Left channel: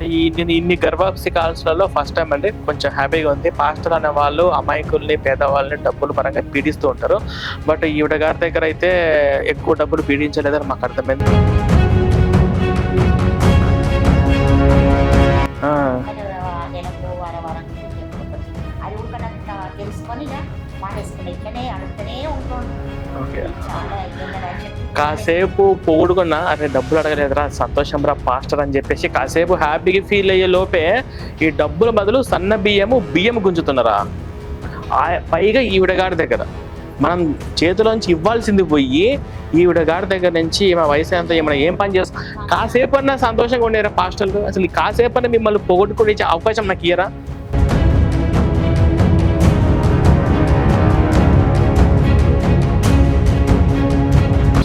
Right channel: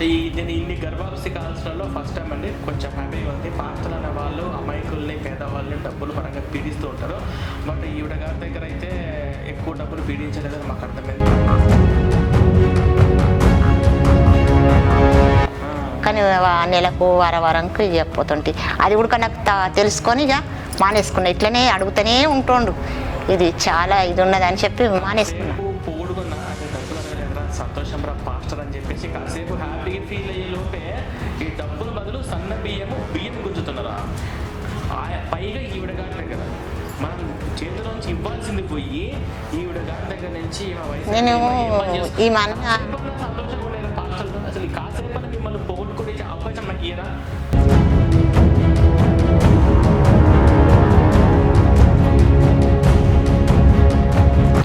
నేను ఇన్ని గర్భాప్సి కాల్స్లలో first time అండి, కొంచెం హ్యాపీగా ఉంది. పాస్టర్ అనే వాళ్ళు అమాయకుల్ని పేదవాళ్ళని డబ్బులు పరంగా పీడిస్తూ ఉంటారు. బట్ ఈవిడ గారి దగ్గర అయితే ఎక్కువ డబ్బులు పీడించలేదని మాకు అర్థమైంది. కానీ నెలకు వారంకి చెప్పబోతుంటే అది కూడా నాకు తెలుసుకొని ఇక మానేసుకున్నా. ఇట్లనే అడుగుతూనే ఉంటుండు, ఇది చాలా ఇది ఉన్నదని చెప్పి కాసేపు పొగుడుకున్నా, అరే డబ్బులు అడగలేదురా, సంతోషం రా పాస్టర్ అని చెప్పేసి కాసేపు హ్యాపీగా ఫీల్ అయ్యే లోపే ఈ డబ్బుల బదులు సన్న బియ్యం గుంజుతున్నారా. పైగా ఈవిడ గారి దగ్గర మనం చేతిలోంచి ఇవ్వాల్సింది పోయి ఈవిడ గారి దగ్గర నుంచి ఈమె వయసు ఎంత, ఏమైనా ఏం పని చేస్తుంది, కాసేపు అన్నా సంతోషంగా ఉండేరా పాస్టర్లు. అసలు ఈ కాసేపు అన్నా మిమ్మల్ని పొగొట్టుకునే అవకాశం నాకు ఇయ్యరా?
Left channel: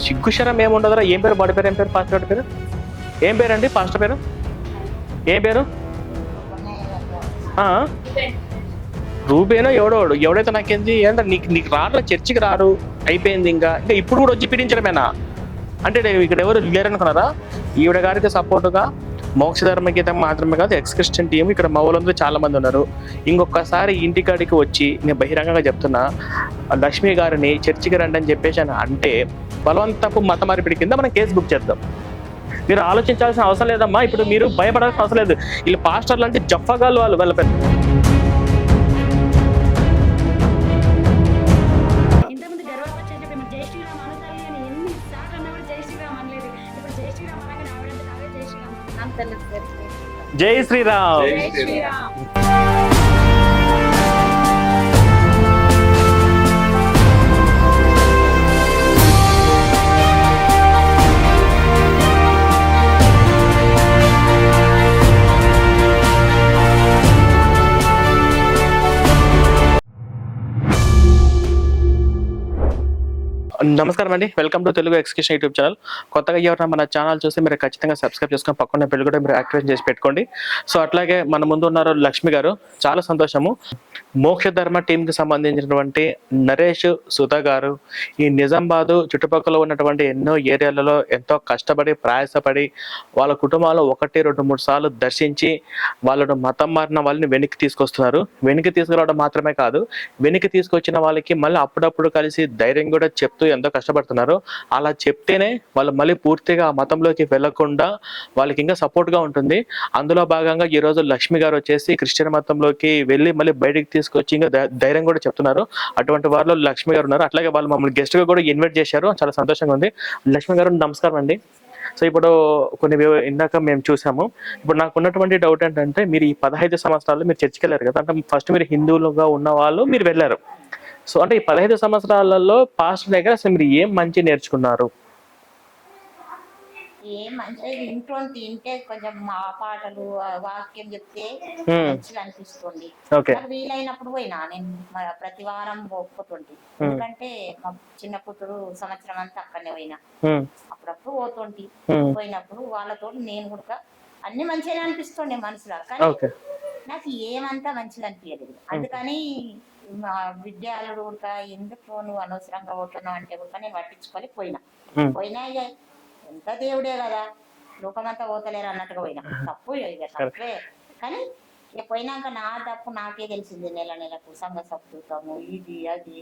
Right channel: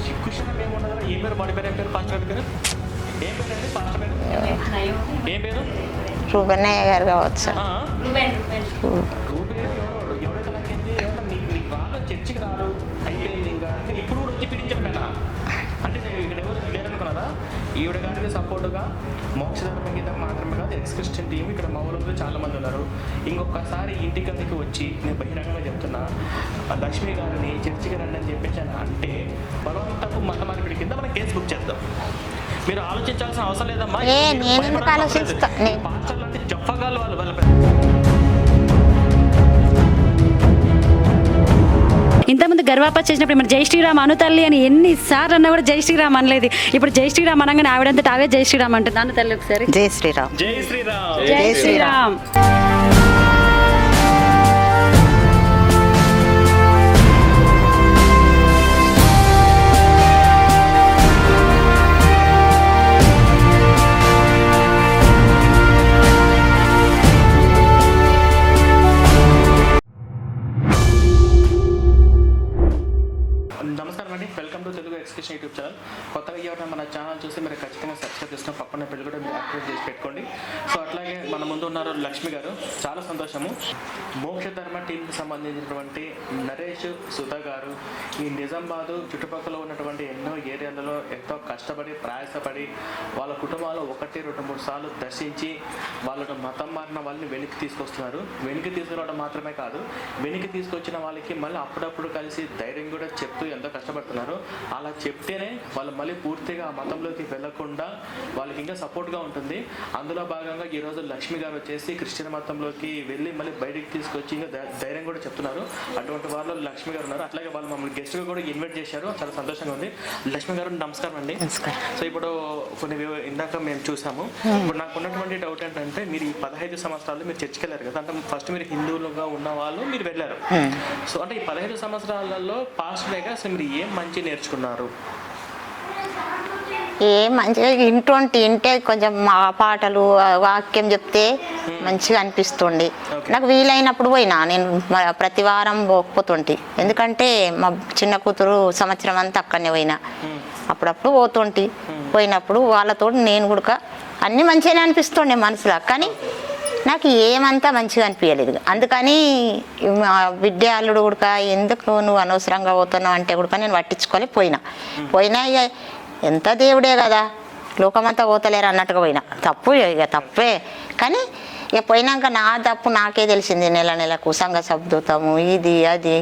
సిగ్గుశరం ఏముండదురా. ఏం పేరు బడి పేరు, ఏం పేరు పాస్టర్ పేరు, ఏం పేరండి పాస్టర్ పేరు, ఏం పేరు? రూబెన్నయ్య గారు కావచ్చు. రూబేనో ఎవడైతే నాకేంది ఏంటంటే నీకు రారు, చర్చికి రారు, అయిపోయింది. ఇంకా ఇప్పుడు కూడా వచ్చి పీడించడమేనా అంటే ఇక్కడ ఎవరు లేరనుకున్నారా? ఈవిడ గారికి సపోర్టుగా మోక్షధర్మ గీతం మాత్రమే కాదు, ఎక్స్ క్రిస్టియన్ టీం ఇక్కడ మౌలంలో చాలా మంది ఉన్నారు. ఇంకొకసారి ఇంటికాడికి వచ్చి నేను బహిరంగంగా చెప్తున్నా, లక్ష్మి గారిని చర్చికి రండి అని చెప్పేసి అంటే బలవంతపు మత మార్పిడి కింద మనం కేసు బుక్ చేద్దాం. మీరు ఆలోచించాల్సిన అవసరం లేదమ్మా. ఇప్పుడు మీరు భయపడాల్సిన అవసరం లేదు. ఈ పాస్టర్లు అంటే జఫగాలు వాళ్ళ పెద్ద. ఇంతకుముందు గర్వాప చేసినప్పుడు మన జై శ్రీరామ్ అను తల్లి అని ఎన్నిసార్లు అన్నా కూడా జై శ్రీరామ్ అనలేదు. ఇప్పుడు జై శ్రీరామ్ అనగానే ఆవిడంతా ఆవే జై శ్రీరామ్ అంటుంది. అను తల్లి ఒకసారి జై శ్రీరామ్, జై శ్రీరామ్, జై శ్రీరామ్. నమస్కారం అండి, welcome to Telugu execution YouTube channel. కొత్తగా ఎవరైనా మన ఛానల్ చూసి మీరు ఖచ్చితంగా సబ్స్క్రైబ్ చేసుకుని పక్కన బెల్ కూడా మీరు యాక్టివేట్ చేసి పెట్టుకోండి. సో అట్లాగే మన ముందు ఉన్నారు లక్ష్మి గారు, చాలా సంతోషము. మోక్ష ధర్మ టీంకి సంబంధించినటువంటి నరేష్ సుధా గారు ఈ నిజామాబాదు చుట్టుపక్కల ఉన్నటువంటి ఎన్నో ఏరియాలలో ఎంతో కష్టపడి ప్రయాసపడి వాళ్ళ కుటుంబాలు 1-2-3 సార్లు దర్శించి వాళ్ళను మతం మారిన వాళ్ళని వెనక్కి తీసుకొస్తున్నారు. వెనక్కి తీసుకురావడం మాత్రమే కాదు, వెనక్కి తీసుకొచ్చిన వాళ్ళకి మళ్ళీ అప్పుడప్పుడు కలిసి ధైర్యం కూడా చెప్తూ ఎంతో కష్టపడుతున్నారు. అలా చెప్తేనే వాళ్ళు మళ్ళీ పూర్తిగా ఆ మతంలోకి వెళ్లకుండా వాళ్ళకి ఇంకా సపోర్ట్గా ఉంటుంది. అందులో భాగంగా ఈరోజు లక్ష్మి గారు వచ్చేసి క్రిస్టియన్ మతంలోకి వెళ్ళి మళ్ళీ బయటికి తీసుకొచ్చి ఇంకా ధైర్యం కూడా చెప్తున్నారు. అటువంటి వారిలో లక్ష్మి గారు ఉన్నారు. అట్లాగే వాళ్ళు మమ్మల్ని గెస్ట్గా కూడా ఇన్వైట్ చేశారు, చాలా సంతోషంగా ఉంది. లక్ష్మి గారు నమస్కారం అండి. సో ఇప్పుడు కొన్ని ఇందాక మేము చూసాము. ఇప్పుడు నాకు ఉన్నటువంటి డౌట్ ఏంటంటే, మీరు ఈ 15 సంవత్సరాలు మీరు చర్చికి వెళ్ళారు కదా, అంటే ఫస్ట్ మీరు హిందువులుగా ఉన్న వాళ్ళు మీరు వెళ్ళారు. సో అంటే ఈ 15 సంవత్సరాలలో పాస్టర్ దగ్గర అసలు మీరు ఏం మంచి నేర్చుకున్నారు? ఏం మంచిగా ఇంటే కొంచెం మా పాటలు వాక్యం చెప్తే మంచిగా అనిపిస్తుండే. నాకు వీలైనప్పుడు పోయినా, నేను ప్రతి వారం పోతుంటే, ఎందుకంటే మా చిన్న కూతురు సంవత్సరం అంతా అక్కడనే పోయినా, అప్పుడప్పుడు పోతుంటే పోయినప్పుడు వాళ్ళతో నేను కూడా అన్ని మంచిగానే అనిపిస్తుండే మనసులో. కానీ నాకు ఏమంతా మంచిగా అనిపించలేదు. అందుకని బిడ్డ అల్లుడు కూడా ఎందుకు నువ్వు అనవసరంగా పోతున్నావు అంటే కూడా నేను పట్టించుకోలేకపోయినా. ఇక ఎంత దేవుడే కదా, లోకమంతా పోతలేరు అన్నట్టుగా పోయినా. తప్పు ఇక తప్పే, కానీ ఇక పోయినాక నా తప్పు నాకే తెలిసింది. నెలకు సంఘ శబ్దతాము, ఇది అది,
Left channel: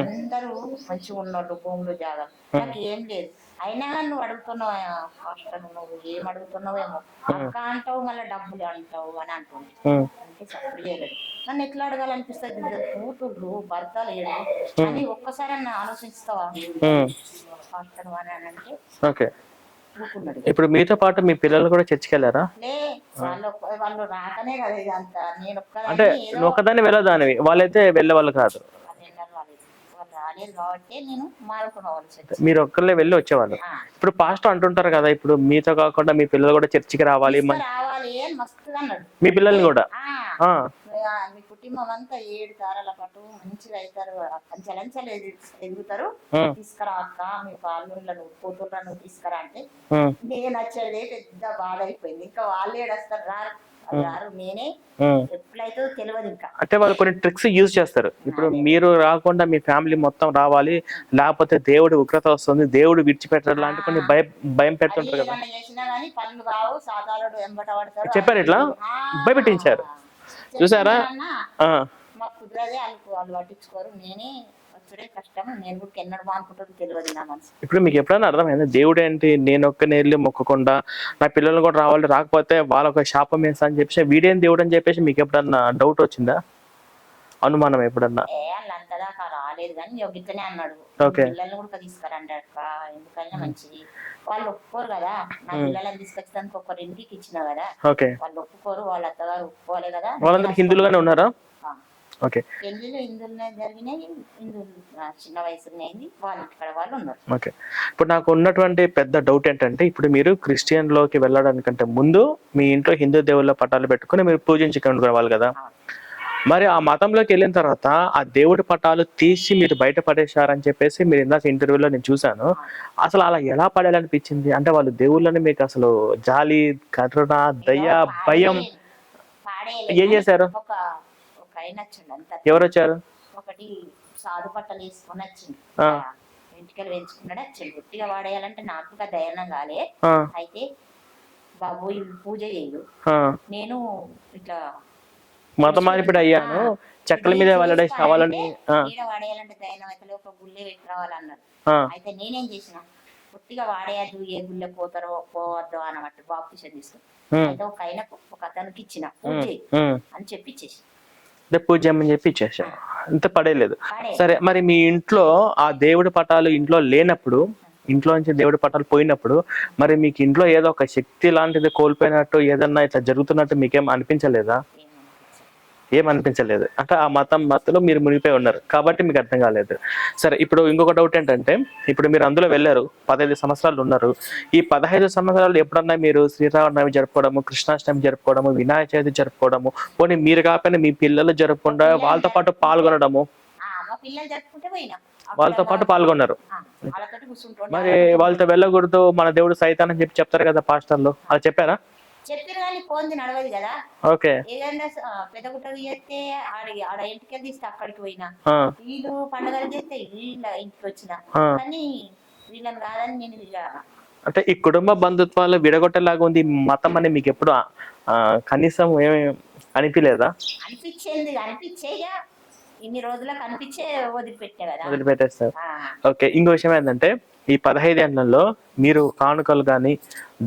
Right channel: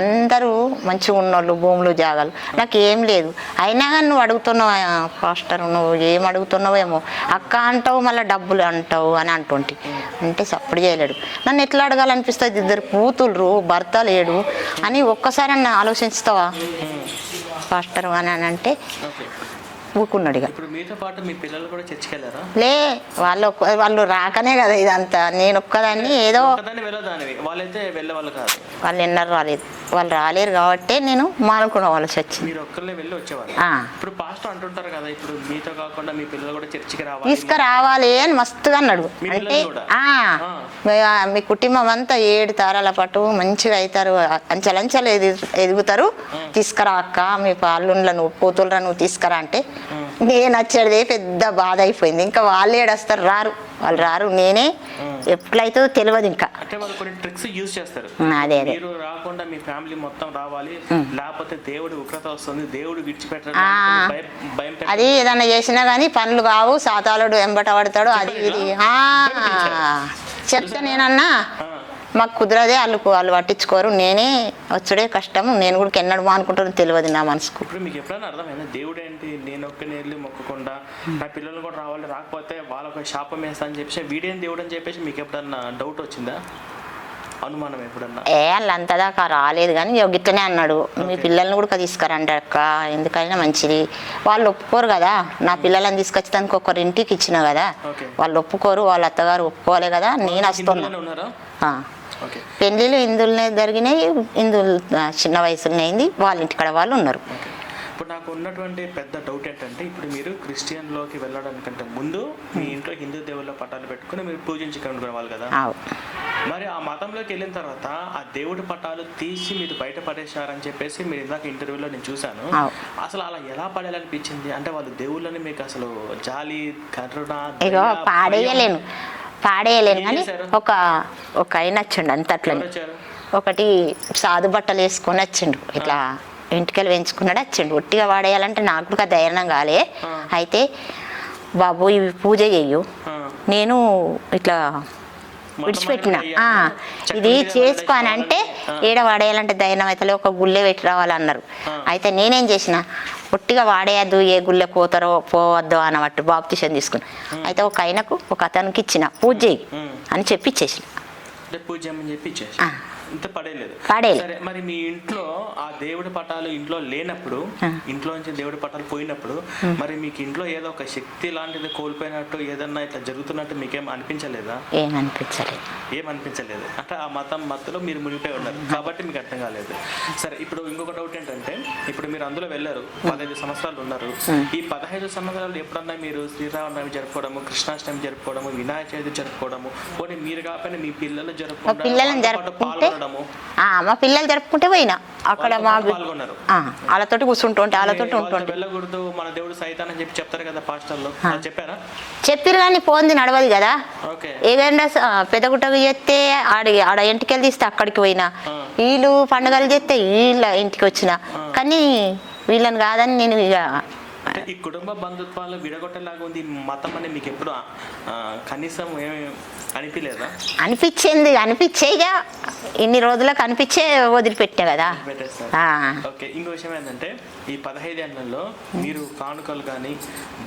అందరూ మంచిగా ఉన్నోళ్ళు, భూములు జాగాలు, నాకు ఏం లేదు. అయినా కానీ నువ్వు అడుగుతున్నావు పాస్టర్, నువ్వు ఏం అడుగుతున్నావేమో, అక్క అంటావు మళ్ళీ డబ్బులు అంటావు అని అంటుంటే అంటే సప్పుడు చేయలేడు. నన్ను ఎట్లా అడగాలనిపిస్తుంది? 2 కూతుళ్ళు, భర్త లేడు అని ఒక్కసారి నన్ను ఆలోచిస్తావా పాస్టర్ అని అంటే ఊకున్నాడు. ఇప్పుడు మీతో పాటు మీ పిల్లలు కూడా చర్చికి వెళ్ళారా? లే, వాళ్ళు రాకనే కదా ఇదంతా. నేను ఒక్కదాన్ని ఏదో ఒకదాన్ని వెళ్ళదానివి, వాళ్ళైతే వెళ్ళేవాళ్ళు కాదు. వాళ్ళు ఎన్నరు రాలేదు, వాళ్ళు రాలేరు కాబట్టి నేను మానుకున్న వాళ్ళు చర్చి. మీరు ఒక్కళ్ళే వెళ్ళి వచ్చేవాళ్ళు. ఇప్పుడు పాస్టర్ అంటుంటారు కదా, ఇప్పుడు మీతో కాకుండా మీ పిల్లలు కూడా చర్చికి రావాలి అని మస్తుగా అన్నాడు. మీ పిల్లలు కూడా మీ కుటుంబం అంతా 7 తరాల పాటు మంచిగా అవుతారు, అంచెలంచెలు ఎదుగుతారు, తీసుకురా అక్క మీ పాల్లుండ్లను కూతుళ్ళను నువ్వు తీసుకురా అంటే నేను వచ్చేదే పెద్ద బాధ అయిపోయింది. ఇంకా వాళ్ళు ఏడొస్తారు, వాళ్ళు రారు. నేనే ఎట్లయితే తెలియదు ఇంకా. అంటే వాళ్ళు కొన్ని ట్రిక్స్ యూజ్ చేస్తారు. మీరు రాకుండా మీ ఫ్యామిలీ మొత్తం రావాలి, లేకపోతే దేవుడు ఉగ్రత వస్తుంది, దేవుడు విడిచిపెట్టారు, భయం అది పెట్టారు. ఏదన్నా చేసినా గానీ పనులు కావు, సాతాళుడు ఎంబట పడతాడు. చెప్పారు ఇట్లా? భయపెట్టించారు. చెప్తానేనన్నా మాకు కుదరదే, వాళ్ళు పట్టించుకోరు. నేనే వచ్చుడే కష్టం. నేను కూడా ఎన్నడమో అనుకుంటాను, తెలియదు నా మనసుకు. ఇప్పుడు మీకు ఎప్పుడైనా అర్థమైంది దేవుడు ఏంటి, నేను ఒక్క నేర్లు మొక్కకుండా నా పిల్లలు కూడా రావాలి, రాకపోతే వాళ్ళొక శాపం వేస్తా అని చెప్పేసి వీడేం దేవుడు అని చెప్పేసి మీకు ఎప్పుడన్నా డౌట్ వచ్చిందా, అనుమానం ఎప్పుడన్నా? వాళ్ళంతా దాకా రాలేదు కానీ గిట్టనే అన్నాడు, మీ పిల్లల్ని కూడా తీసుకురండి అక్క, ఎందుకైనా మంచిది. వాళ్ళు ఒప్పుకోరు కదా, నా పిల్లలని తీసుకొచ్చి దానికి ఒకరి ఇంటికి ఇచ్చిన కదా, వాళ్ళు ఒప్పుకోరు, వాళ్ళ అత్తగారు ఒప్పుకోలే కదా. హిందువులుగానే ఉన్నారా? పెళ్లిళ్ళు హిందువులనే జరిగినాయి, హిందువులు చిన్న వయసులోనే అయింది, వాళ్ళ ఇంటికాడ వాళ్ళు ఉన్నారు. ఓకే. ఇప్పుడు నాకు ఉన్నటువంటి పెద్ద డౌట్ ఏంటంటే, ఇప్పుడు మీరు క్రిస్టియన్లోకి వెళ్ళడానికంటే ముందు మీ ఇంట్లో హిందూ దేవుళ్ళ పటాలు పెట్టుకుని మీరు పూజించుకునే వాళ్ళు కదా, మరి ఆ మతంలోకి వెళ్ళిన తర్వాత ఆ దేవుడి పటాలు తీసి మీరు బయట పడేశారని చెప్పేసి మీరు ఇందాక ఇంటర్వ్యూలో నేను చూసాను. అసలు అలా ఎలా పడేయాలనిపించింది? అంటే వాళ్ళు దేవుళ్ళని మీకు అసలు జాలి, కరుణ, దయ, భయం పాడేయలేదు. ఏం చేశారు? ఒక ఆయన వచ్చిండు అంత. ఎవరు వచ్చారు? ఒకటి సాధు బట్టలు వేసుకొని వచ్చిండు, ఇట్లా ఇంటికెళ్ళి పెంచుకున్నాడు వచ్చిండు. ఒట్టిగా వాడేయాలంటే నాకు కూడా ధైర్యం కాలే. అయితే బాబు ఇవి పూజ చేయు, నేను ఇట్లా ఇది చేసుకోనంటే ఏడ వాడేయాలంటే ధైర్యం అయితే ఒక గుళ్ళే పెట్టి రావాలన్నారు. అయితే నేనేం చేసిన, ఒట్టిగా వాడేయద్దు, ఏ గుళ్ళే పోతారో పోవద్దు అన్నట్టు బాప్తిషన్ తీసుకుని, అయితే ఒక ఆయనకు ఒక అతనికి ఇచ్చిన పూజ అని చెప్పి ఇచ్చేసిన. పూజ చేయమని చెప్పి ఇచ్చేసి ఇంత పడేయలేదు. సరే, మరి మీ ఇంట్లో ఆ దేవుడి పటాలు ఇంట్లో లేనప్పుడు, ఇంట్లో నుంచి దేవుడి పటాలు పోయినప్పుడు, మరి మీకు ఇంట్లో ఏదో ఒక శక్తి లాంటిది కోల్పోయినట్టు ఏదన్నా ఇట్లా జరుగుతున్నట్టు మీకేం అనిపించలేదా? ఏమనిపించలేదు. అంటే ఆ మత్తులో మీరు మునిగిపోయి ఉన్నారు కాబట్టి మీకు అర్థం కాలేదు. సరే, ఇప్పుడు ఇంకొక డౌట్ ఏంటంటే, ఇప్పుడు మీరు అందులో వెళ్ళారు, 15 సంవత్సరాలు ఉన్నారు. ఈ 15 సంవత్సరాలు ఎప్పుడన్నా మీరు శ్రీరామనవమి జరుపుకోవడము, కృష్ణాష్టమి జరుపుకోవడము, వినాయక చవితి జరుపుకోవడము, పోనీ మీరు కాకపోయినా మీ పిల్లలు జరుపుకుండా వాళ్ళతో పాటు పాల్గొనడము? మా పిల్లలు జరుపుకుంటే పోయినా వాళ్ళతో పాటు పాల్గొన్నారు. వాళ్ళతో కూర్చుంటుంటే వాళ్ళతో వెళ్ళకూడదు, మన దేవుడు సైతాన్ అని చెప్పి చెప్తారు కదా పాస్టర్లు, అది చెప్పారా? చెప్పారు కానీ పోంది నడవదు కదా. ఓకే. ఏదైనా పెద్దగుట్టకు చేస్తే ఆడ ఇంటికి తీస్తే అక్కడికి పోయినా, వీళ్ళు పండుగలు చేస్తే వీళ్ళ ఇంటికి వచ్చిన, కానీ వీళ్ళని కాదని నేను ఇక. అంటే ఈ కుటుంబ బంధుత్వాలు విడగొట్టేలాగా ఉంది మతం అని మీకు ఎప్పుడు కనీసం ఏమి అనిపించలేదా? అనిపించేగా ఇన్ని రోజులకు అనిపించే వదిలిపెట్టా కదా, వదిలిపెట్టేస్తారు. ఓకే. ఇంకో విషయం ఏంటంటే, ఈ 15 ఏళ్లలో మీరు కానుకలు కానీ,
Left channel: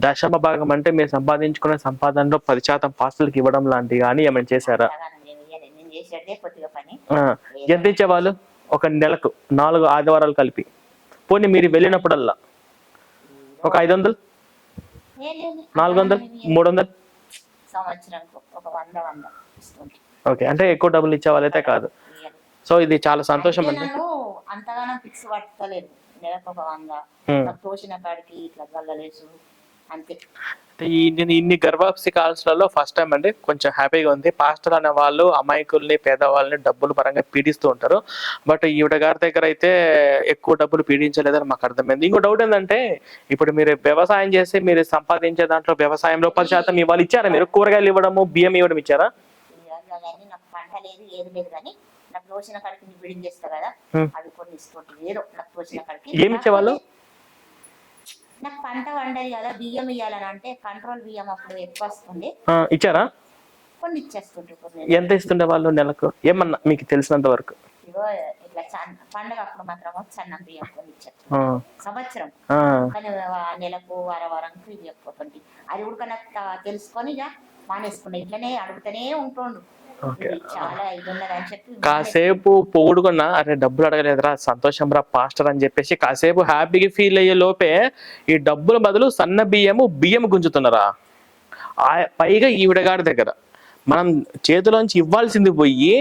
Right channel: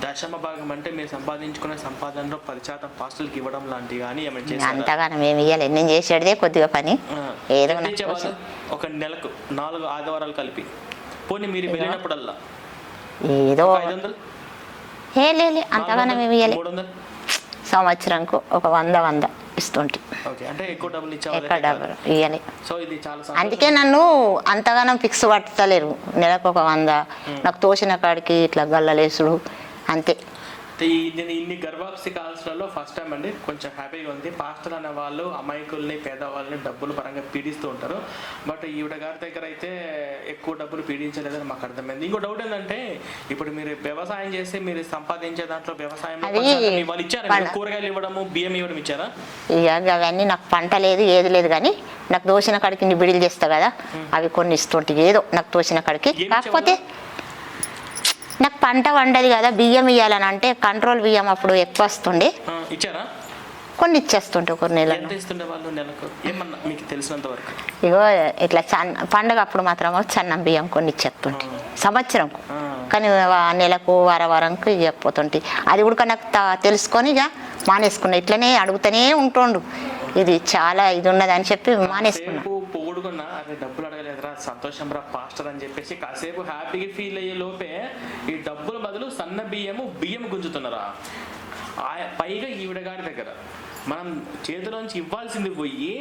దశమ భాగం అంటే మీరు సంపాదించుకున్న సంపాదనలో 10% పాస్టర్లకు ఇవ్వడం లాంటివి కానీ ఏమైనా చేశారా? నేను చేసేదే కొద్దిగా పని. ఎంత ఇచ్చేవాళ్ళు? ఒక నెలకు 4 ఆదివారాలు కలిపి, పోనీ మీరు వెళ్ళినప్పుడల్లా ఏదో 500, 400, 300 సంవత్సరంకు ఒక 100 ఇస్తుంటే. ఓకే. అంటే ఎక్కువ డబ్బులు ఇచ్చేవాళ్ళైతే కాదు. సో ఇది చాలా సంతోషం. నన్ను అంతగానం ఫిక్స్ పట్టలేరు, నెలకు ఒక 100 నాకు తోచిన కాడికి ఇట్లా గల్లలేసుడు అంతే. నేను ఇన్ని గర్భాప్సి కాల్స్లలో ఫస్ట్ టైం అండి, కొంచెం హ్యాపీగా ఉంది. పాస్టర్ అనే వాళ్ళు అమాయకుల్ని, పేదవాళ్ళని డబ్బులు పరంగా పీడిస్తూ ఉంటారు. బట్ ఈవిడ గారి దగ్గర అయితే ఎక్కువ డబ్బులు పీడించలేదని మాకు అర్థమైంది. ఇంకో డౌట్ ఏంటంటే, ఇప్పుడు మీరు వ్యవసాయం చేసి మీరు సంపాదించే దాంట్లో వ్యవసాయంలో 10% ఇవాళ ఇచ్చారా? మీరు కూరగాయలు ఇవ్వడము, బియ్యం ఇవ్వడం ఇచ్చారా? ఇక అవన్నీ నాకు పంట లేదు, ఏది లేదు, కానీ నాకు తోసిన కాడికి బిడిలు చేస్తా కదా, అవి కొన్ని ఇస్తుంటే ఏదో నాకు తోసిన కాడికి. కాకపోతే నాకు పంట వండది కదా, బియ్యం ఇవ్వాలని అంటే కంట్రోల్ బియ్యం అప్పుడు ఎక్కువ వస్తుండే, ఇచ్చారా? కొన్ని ఇచ్చేస్తుంటే కొన్ని నెలలు. ఎంత ఇస్తుండే వాళ్ళు నెలకు ఏమన్నా మీకు తెలిసినంత వరకు? ఇగో ఇట్లా పండగ అప్పుడు మాత్రం చన్నం బియ్యం కొన్ని ఇచ్చేస్తుంటే సంవత్సరం, కానీ నెలకు వారంకు ఇవ్వకపోతుంటే అది కూడా నాకు తెలుసుకొని ఇక మానేసుకున్నా. ఇట్లనే అడుగుతూనే ఉంటుండు, ఇది చాలా ఇది ఉన్నది అని చెప్పి కాసేపు పొగుడుకున్నా, అరే డబ్బులు అడగలేదురా, సంతోషం రా పాస్టర్ అని చెప్పేసి కాసేపు హ్యాపీగా ఫీల్ అయ్యే లోపే ఈ డబ్బుల బదులు సన్న బియ్యం గుంజుతున్నారా? పైగా ఈవిడగాడి దగ్గర మనం చేతిలోంచి ఇవ్వాల్సింది పోయి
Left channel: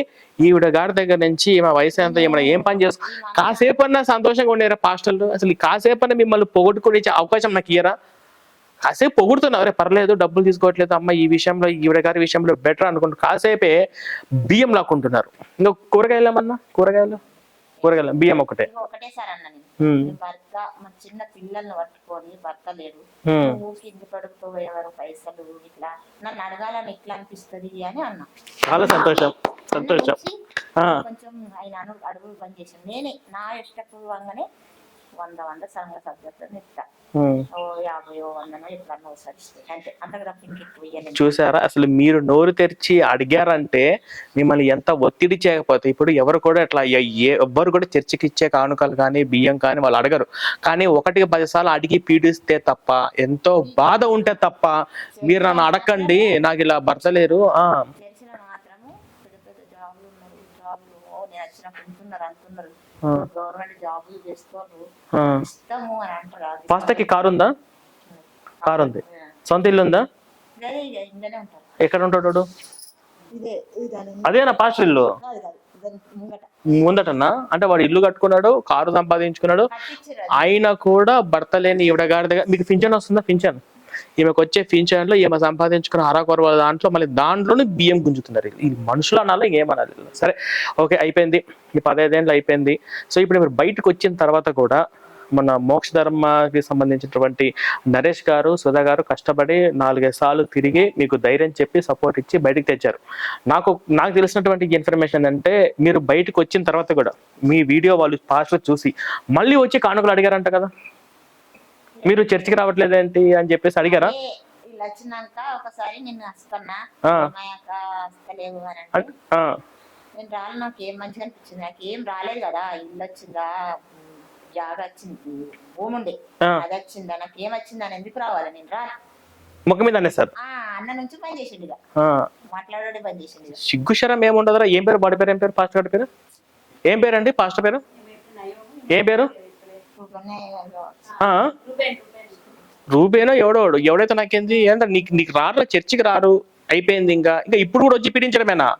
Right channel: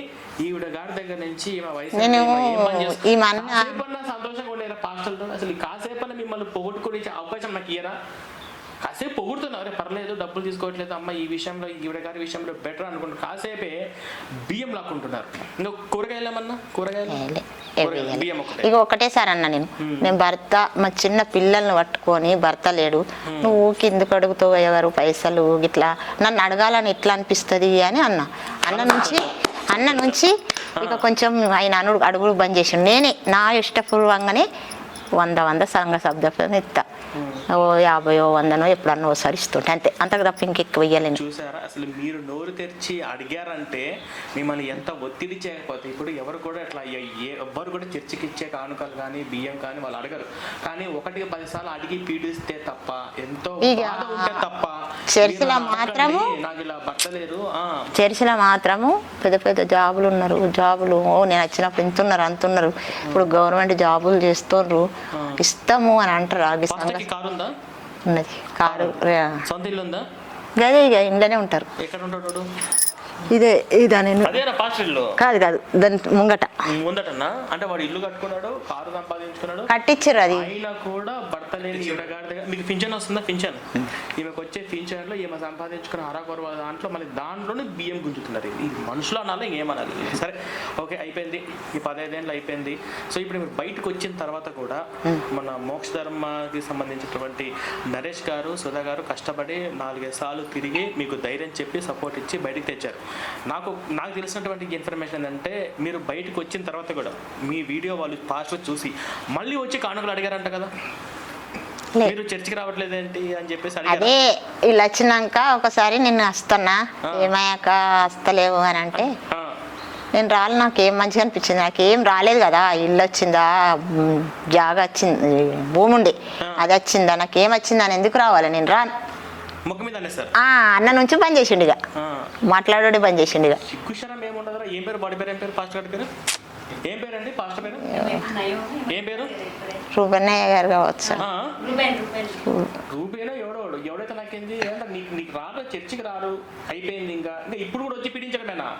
ఈవిడ గారి దగ్గర నుంచి మా వయసు ఎంత ఏం పని చేస్తాం, కాసేపు అన్నా సంతోషంగా ఉండేరా పాస్టర్లు? అసలు కాసేపు అన్నా మిమ్మల్ని పొగొట్టుకునే అవకాశం నాకు ఇయ్యరా? కాసేపు పొగుడుతున్నారు, అరే పర్లేదు డబ్బులు తీసుకోవట్లేదు అమ్మ, ఈ విషయంలో ఈవిడ గారి విషయంలో బెటర్ అనుకుంటారు, కాసేపే బియ్యం లాక్కుంటున్నారు. ఇంకా కూరగాయలు ఏమన్నా? కూరగాయలు కూరగాయలు బియ్యం ఒకటే ఇక ఒకటేసారి అన్న నేను భర్త మా చిన్న పిల్లల్ని పట్టుకొని భర్త లేడు నువ్వు కిందకు అడుగుతావు ఎవరు పైసలు ఇట్లా నన్ను అడగాలని ఎట్లా అనిపిస్తుంది అని అన్న అన్న నుంచి ఇక కొంచెం ఆయన అడుగుడు బంద్ చేసిండు. నేనే నా ఇష్టపూర్వంగానే 100 సంఘ శబ్దం ఇస్తా. 50 100 ఎప్పుడన్నా ఒకసారి ఇస్తుంటే అంతే, అంతకు తప్ప ఇంకెక్కువ ఇయ్యలేను. చూసారా, అసలు మీరు నోరు తెరిచి అడిగారంటే మిమ్మల్ని ఎంత ఒత్తిడి చేయకపోతే ఇప్పుడు ఎవరు కూడా ఇట్లా ఎవ్వరు కూడా చర్చికి ఇచ్చే కానుకలు కానీ బియ్యం కానీ వాళ్ళు అడగరు. కానీ 1కి 10 సార్లు అడిగి పీడిస్తే తప్ప, ఎంతో బాధ ఉంటే తప్ప మీరు నన్ను అడగండి నాకు ఇలా భర్త లేరు. చర్చిలో మాత్రము పెద్ద పెద్ద జాబులు ఉన్నారు, జాబులు నేను వచ్చినప్పుడు ఇంతున్నారు అంతున్నారు, ఇప్పుడు గవర్నమెంట్ జాబులు చేస్తున్నారు, ఇస్తాము అని అంటారు. కారు ఉందా? ఉన్నది. కారు ఉంది. సొంత ఇల్లు ఉందా? గదే ఇక ఇంట్లోనే ఉంటారు. ఎక్కడ ఉంటాడు? అదేనా పాస్టర్ ఇల్లు? కాదు దాని ముందటన్నా. అంటే వాడు ఇల్లు కట్టుకున్నాడు, కారు సంపాదించుకున్నాడు, కట్టించారు. అయినా కూడా భర్త లేని ఈవిడ గారి దగ్గర మీకు పింఛన్ వస్తుందా? పింఛన్ ఈమెకు వచ్చే పింఛన్ లో ఈమె సంపాదించుకున్న అరకొర దాంట్లో మళ్ళీ దాంట్లోనే బియ్యం గుంజుతున్నారు. ఇది మనుషులు అనాలి ఏమనాలి? సరే ఓకే, అయిపోయింది. ఈ 15 ఏళ్ళు అయిపోయింది. సో ఇప్పుడు మీరు బయటకు వచ్చిన తర్వాత కూడా మన మోక్ష ధర్మకి సంబంధించినటువంటి నరేష్ గారు సుధా గారు కష్టపడి 4-5 సార్లు తిరిగి మీకు ధైర్యం చెప్పి సపోర్ట్ ఇచ్చి బయటకు తెచ్చారు. నాకు తెలిసినటువంటి ఇన్ఫర్మేషన్ అంటే మీరు బయటకు వచ్చిన తర్వాత కూడా మీ వీడియో వాళ్ళు పాస్ట్లో చూసి మళ్ళీ వచ్చి కానుకలు అడిగారంట కదా, మీరు చర్చికి రావట్లేదేంటి అని చెప్పేసి అడిగారా? ఇలా వచ్చినాక ఒకసారి నేను వస్తున్నా ఏమయ్యాక వస్తలేవు అని అంటే నేను రాలి, నాకేం మంచిగా అనిపించింది. నాకేం రాలేదు కదా, ఇల్లు వచ్చిందా, జాగా వచ్చింది, భూమి ఉండే అది వచ్చిందా, నాకేం వచ్చిందా అని ఎందుకు రావాలి, నేను రాను. ముఖం మీద అనేస్తారు. అన్న నుంచి బంద్ చేసిండు, ఇక మాట్లాడే బంద్ చేసిండు. ఇక సిగ్గుశరం ఏముండదురా. ఏం పేరు బాడీ పేరు? ఏం పేరు పాస్టర్ గారి పేరు? ఏం పేరు అండి పాస్టర్ పేరు? ఏం పేరు? రూబెన్నయ్య గారు కావచ్చు. రూబేనో ఎవడైతే నాకేంది అంటే నీకు రారు, చర్చికి రారు, అయిపోయింది. ఇంకా ఇప్పుడు కూడా వచ్చి పీడించడమేనా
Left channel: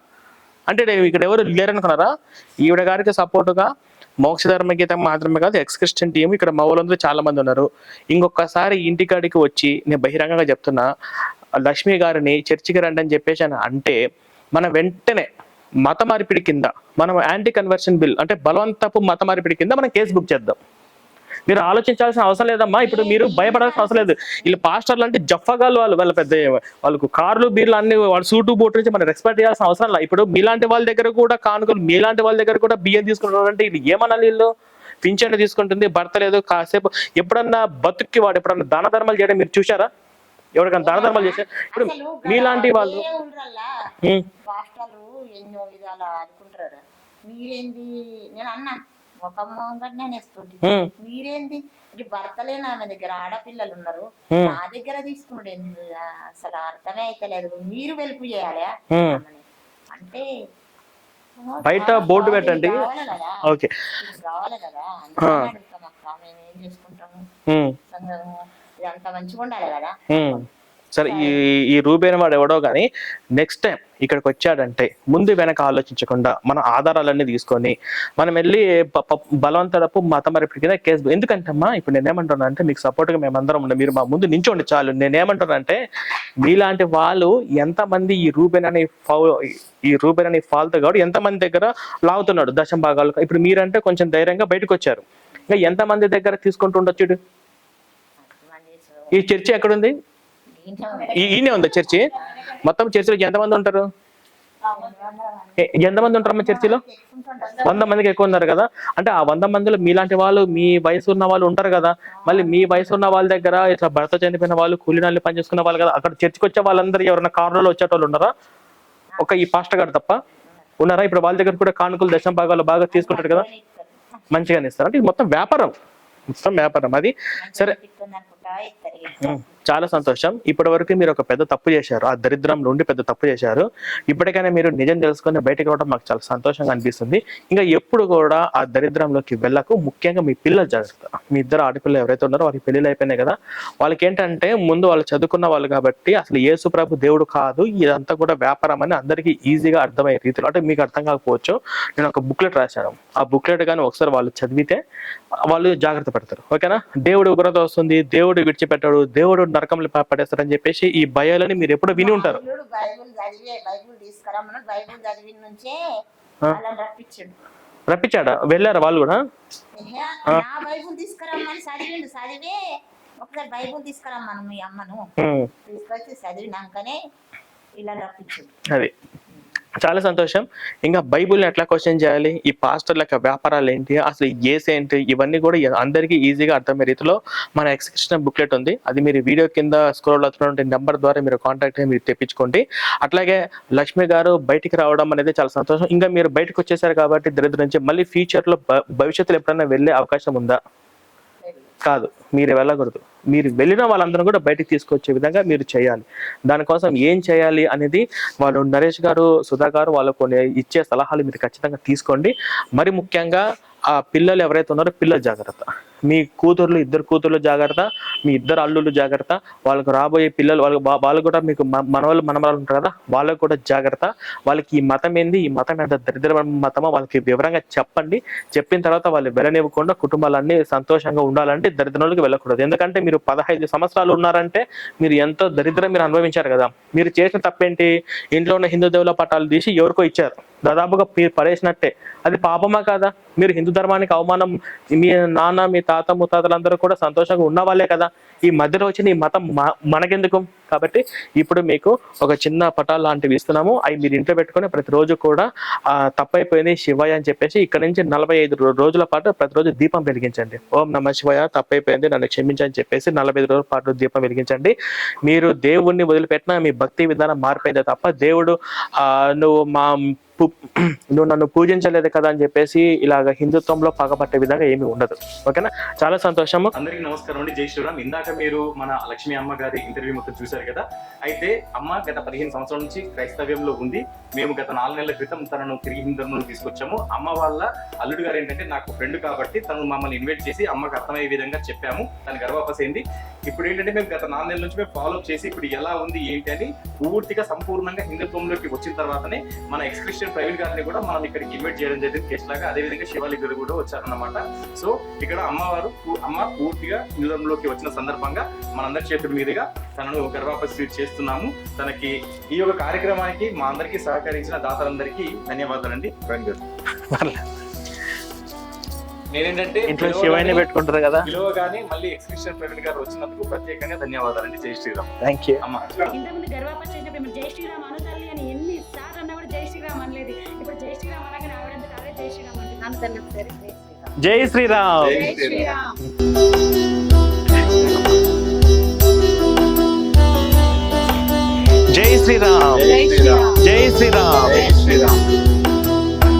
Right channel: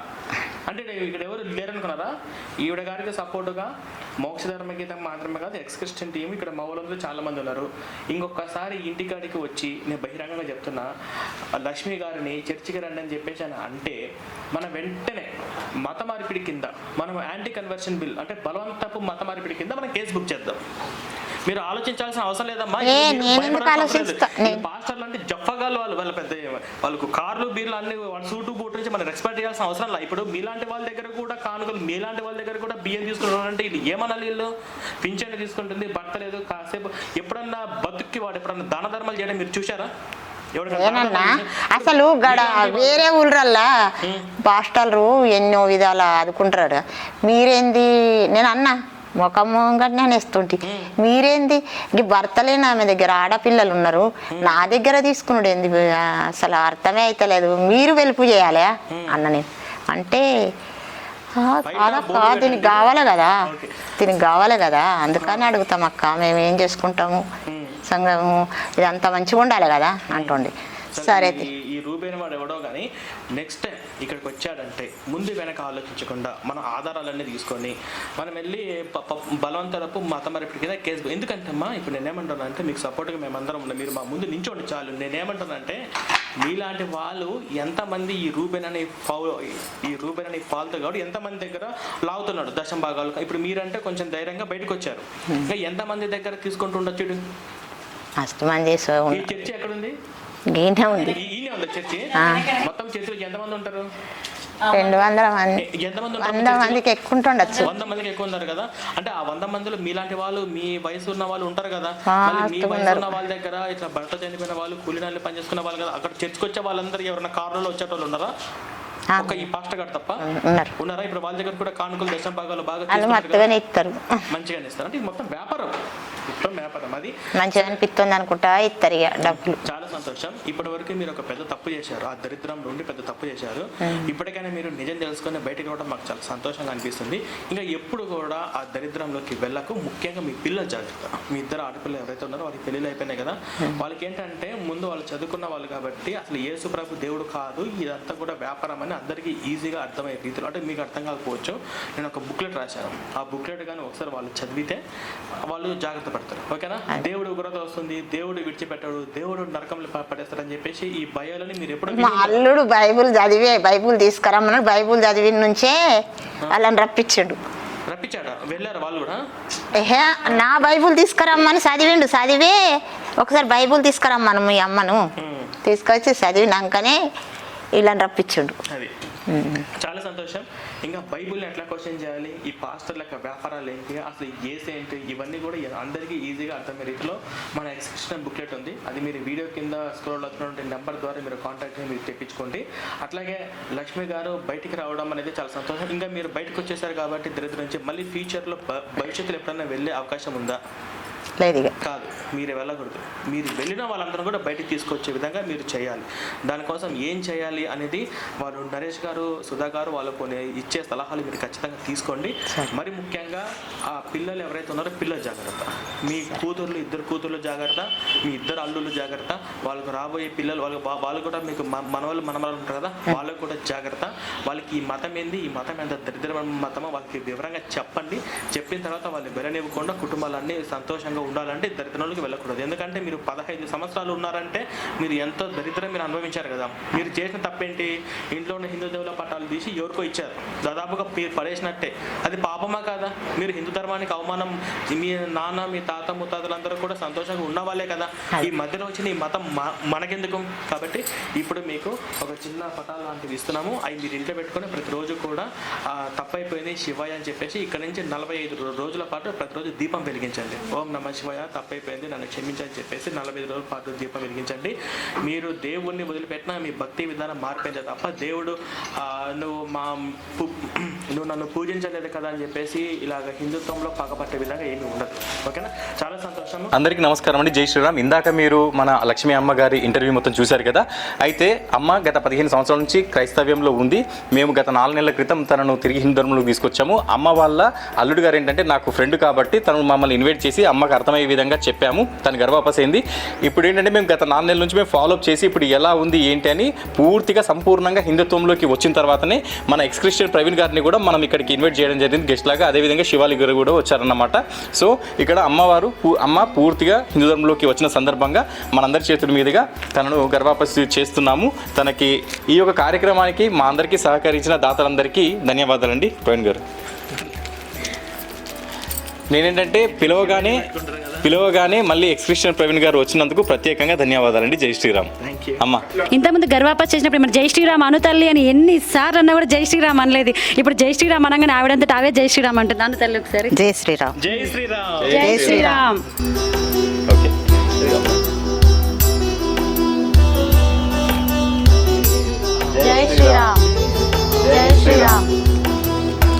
అంటే ఇక్కడ ఎవరు లేరనుకున్నారా? ఈవిడ గారికి సపోర్టుగా మోక్ష ధర్మ గీతం మాత్రమే కాదు, ఎక్స్ క్రిస్టియన్ టీం ఇక్కడ మా ఊళ్ళందరూ చాలా మంది ఉన్నారు. ఇంకొకసారి ఇంటికాడికి వచ్చి నేను బహిరంగంగా చెప్తున్నా, లక్ష్మి గారిని చర్చికి రండి అని చెప్పేసి అంటే మన వెంటనే మత మార్పిడి కింద మనం యాంటీ కన్వర్షన్ బిల్ అంటే బలవంతపు మత మార్పిడి కింద మనం కేసు బుక్ చేద్దాం. మీరు ఆలోచించాల్సిన అవసరం లేదమ్మా. ఇప్పుడు మీరు భయపడాల్సిన అవసరం లేదు. వీళ్ళు పాస్టర్లు అంటే జఫగాలు, వాళ్ళ పెద్ద వాళ్ళకు కార్లు బీర్లు అన్ని వాళ్ళ సూటు బోటు నుంచి మనం రెస్పెక్ట్ చేయాల్సిన అవసరం లేదు. ఇప్పుడు మీలాంటి వాళ్ళ దగ్గర కూడా కానుకలు, మీలాంటి వాళ్ళ దగ్గర కూడా బియ్యం తీసుకుంటున్నారంటే వీళ్ళు ఏమనాలి? వీళ్ళు పింఛన్ తీసుకుంటుంది, భర్త లేదు, కాసేపు ఎప్పుడన్నా బతుక్కి వాడు ఎప్పుడన్నా దాన ధర్మాలు చేయడం మీరు చూసారా? అసలు వేరే ఊళ్ళల్లా పాస్టర్లు ఎన్నో విధాలు ఆదుకుంటారు. మీరేంది నేను అన్నా ముఖంగానే నేస్తుంటి, మీరేంది ఈ భర్తలేని ఆమె దగ్గర ఆడపిల్లలు ఉన్నారు, నా దగ్గర తీసుకున్నాడు ఏంది, అసలు అర్థమే అయితలేదు, మీరు వెలుపు చేయాలి అన్న. నేను అంటే కావాలి కదా, దీనికి కావాలి కదా, అందుకని అడుగుతాం అక్క, మేము ఏం చేసుకుంటాము, సంఘము ఇదంతా మంచిగా ఉండాలి కదా అంటుండే. సరే, ఈ రూబేన్ వాడు ఎవడో కానీ నెక్స్ట్ టైం ఇక్కడికి వచ్చాడంటే ముందు వెనక ఆలోచించకుండా మన ఆధారాలన్నీ తీసుకొని మనం వెళ్ళి బలవంతరపు మత మార్పిడి కింద కేసు. ఎందుకంటే అమ్మా ఇప్పుడు నేనేమంటున్నా అంటే మీకు సపోర్ట్గా మేమందరం ఉండే, మీరు మా ముందు నించోండి చాలు. నేనేమంటున్నా అంటే మీలాంటి వాళ్ళు ఎంతమంది ఈ రూబేన్ అనే ఫాల్తో కాబట్టి ఎంతమంది దగ్గర లాగుతున్నాడు దశం భాగాలు. ఇప్పుడు మీరంటే కొంచెం ధైర్యంగా బయటకు వచ్చారు, ఇంకా ఎంతమంది దగ్గర తీసుకుంటుండొచ్చు? ఈ చర్చి ఎక్కడుంది? ఈయనే ఉందా చర్చి? మొత్తం చర్చిలో ఎంతమంది ఉంటారు? 200 మంది. ఎంతమంది ఉంటారు చర్చిలో? 100 మందికి ఎక్కువ ఉన్నారు కదా. అంటే ఆ 100 మందిలో మీలాంటి వాళ్ళు, మీ వయసు ఉన్న వాళ్ళు ఉంటారు కదా. మళ్ళీ మీ వయసు ఉన్న వాళ్ళ దగ్గర ఇట్లా భర్త చనిపోయిన వాళ్ళు, కూలీనాళ్ళు పనిచేసుకున్న వాళ్ళు కదా, అక్కడ చర్చికి వచ్చే వాళ్ళందరూ ఎవరైనా కారులో వచ్చేటోళ్ళు ఉన్నారా? ఒక ఈ పాస్టర్ గారు తప్ప ఉన్నారా? ఇప్పుడు వాళ్ళ దగ్గర కూడా కానుకలు దశం భాగాలు బాగా తీసుకుంటారు కదా, మంచిగానే ఇస్తారు. అంటే ఇది మొత్తం వ్యాపారం. అది చాలా సంతోషం. ఇప్పటి వరకు మీరు ఒక పెద్ద తప్పు చేశారు, ఆ దరిద్రం నుండి పెద్ద తప్పు చేశారు. ఇప్పటికైనా మీరు నిజం తెలుసుకొని బయటకు రావడం మాకు చాలా సంతోషంగా అనిపిస్తుంది. ఇంకా ఎప్పుడు కూడా ఆ దరిద్రంలోకి వెళ్ళకు. ముఖ్యంగా మీ పిల్లలు జాగ్రత్త. మీ ఇద్దరు ఆడపిల్లలు ఎవరైతే ఉన్నారో వారికి పెళ్ళిళ్ళు అయిపోయినాయి కదా, వాళ్ళకి ఏంటంటే ముందు వాళ్ళు చదువుకున్న వాళ్ళు కాబట్టి అసలు యేసు ప్రభు దేవుడు కాదు, ఇదంతా కూడా వ్యాపారం అని అందరికీ ఈజీగా అర్థమయ్యే రీతిలో. అంటే మీకు అర్థం కాకపోవచ్చు, నేను ఒక బుక్లెట్ రాశాను. ఆ బుక్లెట్ కానీ ఒకసారి వాళ్ళు చదివితే వాళ్ళు జాగ్రత్త పడతారు. ఓకేనా? దేవుడు ఉగ్రత వస్తుంది, దేవుడు విడిచిపెట్టాడు, దేవుడు నరకంలో పడేస్తాడు అని చెప్పేసి ఈ భయాలని మీరు ఎప్పుడు విని ఉంటారు. బైబుల్ తీసుకురమ్మన్నాడు, బైబుల్ చదివి నుంచే వాళ్ళని రప్పించాడు. రప్పించాడా? వెళ్ళారా వాళ్ళు కూడా? ఏహే, నా బైబుల్ తీసుకురమ్మని చదివే ఒకసారి బైబుల్ తీసుకురమ్మను మీ అమ్మను తీసుకొచ్చి చదివినాకనే ఇలా రప్పించుండు. అది చాలా సంతోషం. ఇంకా బైబుల్ని ఎట్లా క్వశ్చన్ చేయాలి, ఈ పాస్టర్ల యొక్క వ్యాపారాలు ఏంటి, అసలు ఏస్ ఏంటి, ఇవన్నీ కూడా అందరికీ ఈజీగా అర్థమయ్యే రీతిలో మన ఎక్స్క్రిప్షన్ బుక్లెట్ ఉంది. అది మీరు వీడియో కింద స్క్రోల్ అవుతున్నటువంటి నెంబర్ ద్వారా మీరు కాంటాక్ట్ మీరు తెప్పించుకోండి. అట్లాగే లక్ష్మి గారు బయటికి రావడం అనేది చాలా సంతోషం. ఇంకా మీరు బయటకు వచ్చేసారు కాబట్టి దరిద్రం నుంచి మళ్ళీ ఫ్యూచర్లో భవిష్యత్తులో ఎప్పుడైనా వెళ్ళే అవకాశం ఉందా? లేదు కాదు, మీరు వెళ్ళకూడదు. మీరు వెళ్ళిన వాళ్ళందరూ కూడా బయటికి తీసుకొచ్చే విధంగా మీరు చేయాలి. దానికోసం ఏం చేయాలి అనేది వాళ్ళు నరేష్ గారు, సుధా గారు వాళ్ళు కొన్ని ఇచ్చే సలహాలు మీరు ఖచ్చితంగా తీసుకోండి. మరి ముఖ్యంగా ఆ పిల్లలు ఎవరైతే ఉన్నారో పిల్లలు జాగ్రత్త. మీ కూతుర్లు, 2 కూతుర్లు జాగ్రత్త, మీ 2 అల్లుళ్ళు జాగ్రత్త, వాళ్ళకు రాబోయే పిల్లలు వాళ్ళు కూడా మీకు మనవాళ్ళు మనమరాలు ఉంటారు కదా, వాళ్ళకు కూడా జాగ్రత్త. వాళ్ళకి ఈ మతం ఏంది, ఈ మతం ఎంత దరిద్రమైన మతమో వాళ్ళకి వివరంగా చెప్పండి. చెప్పిన తర్వాత వాళ్ళు వెళ్ళనివ్వకుండా కుటుంబాలన్నీ సంతోషంగా ఉండాలంటే దరిద్రంలోకి వెళ్ళకూడదు. ఎందుకంటే మీరు 15 సంవత్సరాలు ఉన్నారంటే మీరు ఎంతో దరిద్రం మీరు అనుభవించారు కదా. మీరు చేసిన తప్పేంటి? ఇంట్లో ఉన్న హిందూ దేవుల పట్టాలు తీసి ఎవరికో ఇచ్చారు, దాదాపుగా మీరు పడేసినట్టే. అది పాపమా కాదా? మీరు హిందూ ధర్మానికి అవమానం, మీ నాన్న, మీ తాత ముత్తాతలందరూ కూడా సంతోషంగా ఉన్న వాళ్ళే కదా. ఈ మధ్యలో వచ్చిన ఈ మతం మనకెందుకు? కాబట్టి ఇప్పుడు మీకు ఒక చిన్న పటాలు లాంటివి ఇస్తున్నాము. అవి మీరు ఇంట్లో పెట్టుకొని ప్రతిరోజు కూడా తప్పైపోయింది శివయ్య అని చెప్పేసి ఇక్కడ నుంచి 45 రోజుల పాటు ప్రతిరోజు దీపం వెలిగించండి. ఓం నమ శివయ్య, తప్పైపోయింది, నన్ను క్షమించని చెప్పేసి 45 రోజుల పాటు దీపం వెలిగించండి. మీరు దేవుణ్ణి వదిలిపెట్టినా మీ భక్తి విధానం మారిపోయిందే తప్ప దేవుడు నువ్వు నన్ను పూజించలేదు కదా అని చెప్పేసి ఇలాగ హిందుత్వంలో పగపట్టే విధంగా ఏమీ ఉండదు. ఓకేనా? చాలా సంతోషము. అందరికీ నమస్కారం అండి. జై శ్రీరామ్. ఇందాక మీరు మన లక్ష్మీ అమ్మ గారి ఇంటర్వ్యూ మొత్తం చూశారు కదా. అయితే అమ్మ గత 15 సంవత్సరాల నుంచి క్రైస్తవ్యంలో ఉంది. మేము గత 4 నెలల క్రితం తనను తిరిగి హిందూ ధర్మంలోకి తీసుకొచ్చాము. అమ్మ వాళ్ళ అల్లుడు గారు ఏంటంటే నాకు ఫ్రెండ్ కాబట్టి తను మమ్మల్ని ఇన్వైట్ చేసి అమ్మకు అర్థమయ్యే విధంగా చెప్పాము. తను గర్భాపసైంది. ఇప్పుడు ఏంటంటే మేము గత 4 నెలల నుంచి మేము ఫాలోఅప్ చేసి ఇప్పుడు ఎలా ఉంది ఏంటి అని పూర్తిగా సంపూర్ణంగా హిందుత్వంలోకి వచ్చిన తర్వాతనే మన ఎక్స్క్రిస్టియన్ ప్రవీణ్ గారిని కూడా మనం ఇక్కడికి ఇన్వైట్ చేయడం జరిగింది గెస్ట్ లాగా. అదేవిధంగా శివాలి గారు కూడా వచ్చారన్నమాట. సో ఇక్కడ అమ్మ పూర్తిగా హిందూ ధర్మంలోకి వచ్చిన సందర్భంగా మనందరి చేతుల మీదుగా తనను గర్భాపసి చేస్తున్నాము. తనకి ఈ యొక్క కార్యక్రమానికి మా అందరికీ సహకరించిన దాతలందరికీ ధన్యవాదాలండి ప్రవీణ్ గారు. నేనేంటంటే పిలవగానే మళ్ళీ ఎక్స్క్రిస్టియన్ ప్రవీణ్ గారు వచ్చినందుకు ప్రత్యేకంగా ధన్యవాదాలండి. జై శ్రీరామ్. Thank you. అమ్మ ఇంతకుముందు గర్వాపస్ చేసినప్పుడు మరి జై శ్రీరామ్ అనుతల్లి అని ఎన్నిసార్లు అన్నా కూడా జై శ్రీరామ్ అనలేదు. ఇప్పుడు జై శ్రీరామ్ అనగానే ఆవిడంతటా అవే జై శ్రీరామ్ అంటుంది. అనుతల్లి ఒకసారి జై శ్రీరామ్. జై శ్రీరామ్. జై శ్రీరామ్.